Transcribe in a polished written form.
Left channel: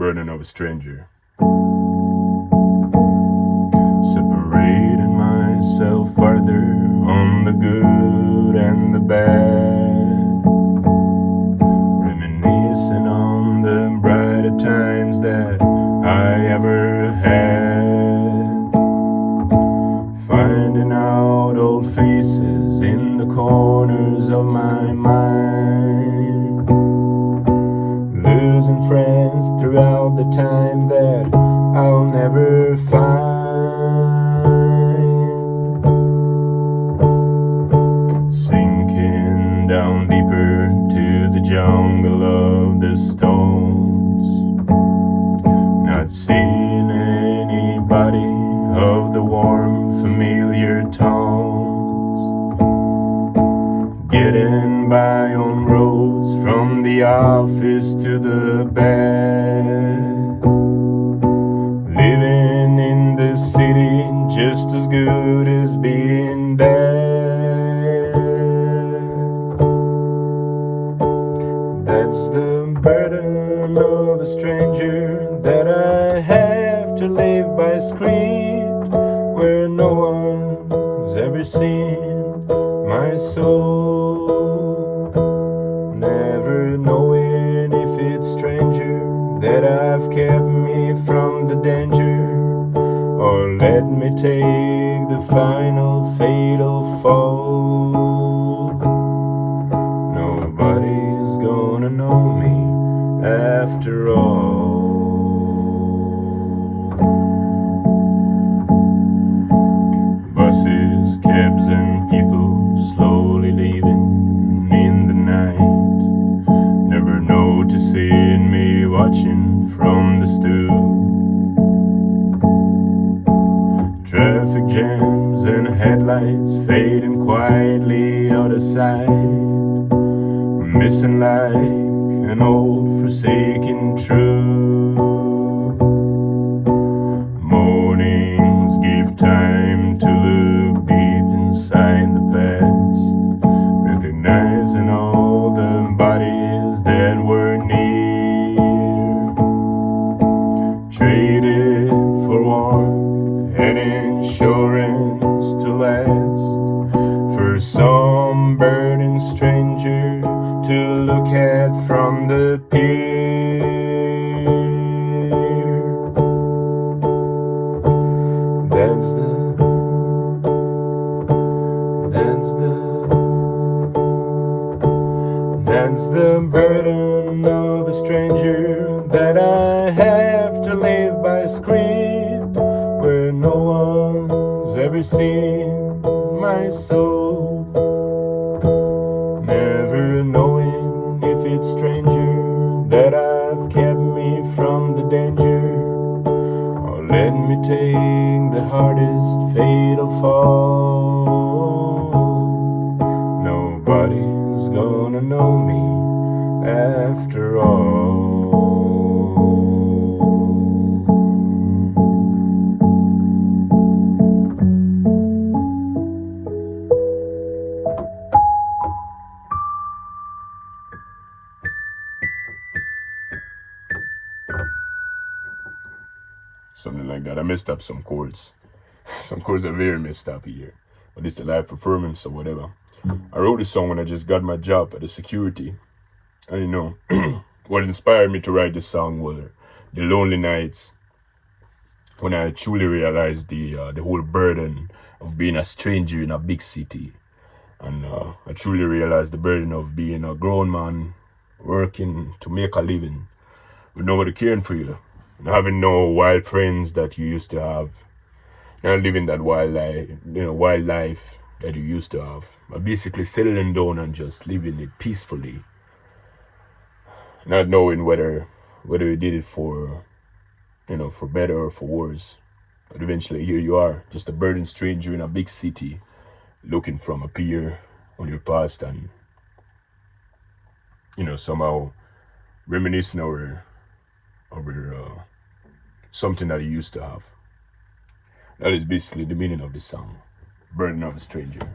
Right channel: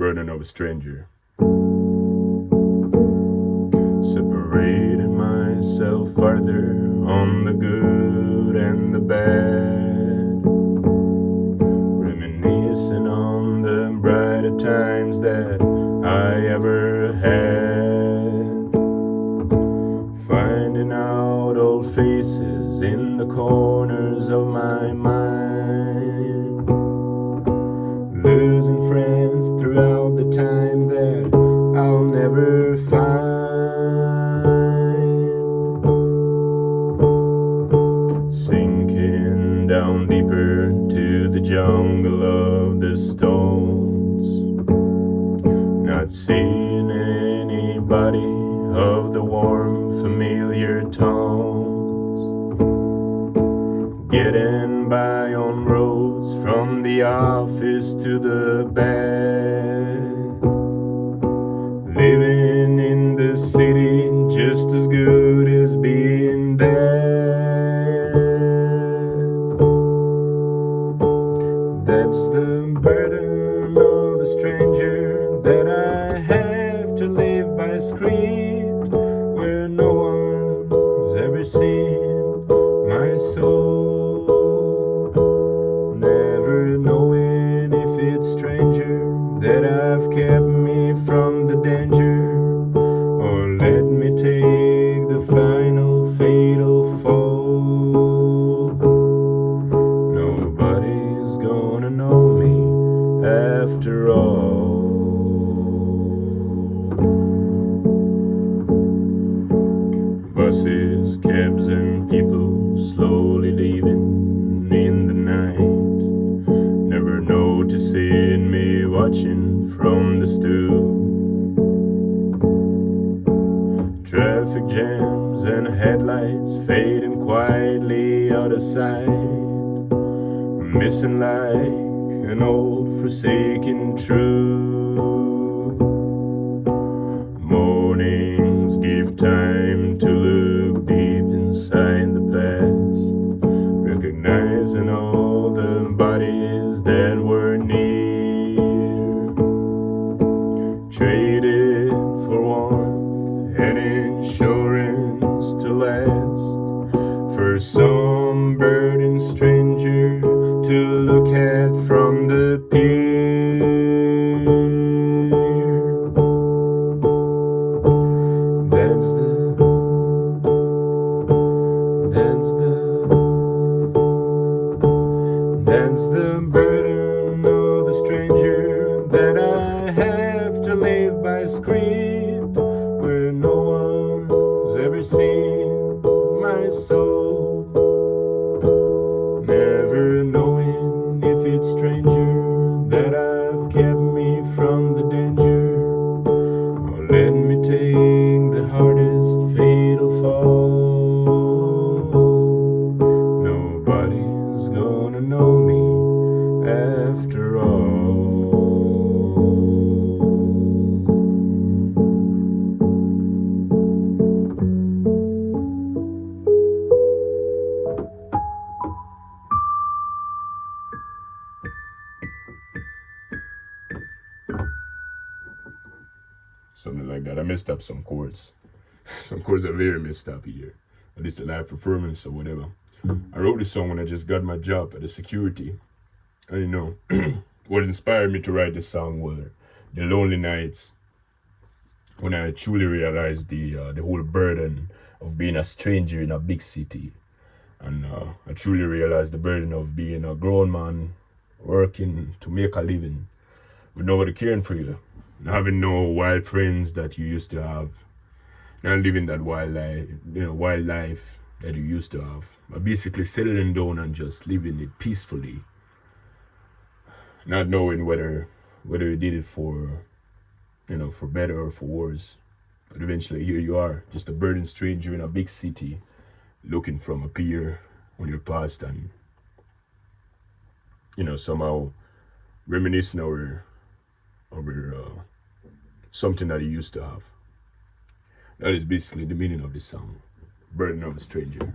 burden of a stranger. Separating myself farther on the good and the bad. Reminiscing on the brighter times that I ever had. Finding out old faces in the corners of my mind. Losing friends throughout the time that I'll never find. Sinking down deeper to the jungle of the stones. Not seeing anybody of the warm, familiar tones. Getting by on roads from the office to the bed. Living in the city just as good as being bad. That's the burden of a stranger, that I have to live by script where no one's ever seen my soul. Never knowing if it's stranger that I've kept me from the danger, or let me take the final fatal fall. Nobody's gonna know me after all. Buses, cabs and people slowly leaving in the night, never noticing me watching from the stoop. Traffic jams and headlights fading quietly out of sight. Missing like an old forsaken truth. Mornings give time to look deep inside the past, recognizing all the bodies that were near, traded for warmth and insurance to last, for some burdened stranger to look at from the pier. That's the burden of a stranger, that I have to live by script where no one's ever seen my soul. Never knowing if it's stranger that I've kept me from the danger, or let me take the hardest fatal fall. Nobody's gonna know me after all. Something like that. I messed up some chords. Some chords are very messed up here, but it's a live performance or whatever. I wrote this song when I just got my job at the security. And you know, what inspired me to write this song were the lonely nights when I truly realized the whole burden of being a stranger in a big city. And I truly realized the burden of being a grown man working to make a living with nobody caring for you, and having no wild friends that you used to have, not living that wild life that you used to have, but basically settling down and just living it peacefully, not knowing whether you did it for better or for worse. But eventually here you are, just a burdened stranger in a big city, looking from a pier on your past, and somehow reminiscing over something that you used to have. That is basically the meaning of the song, Burden of a Stranger.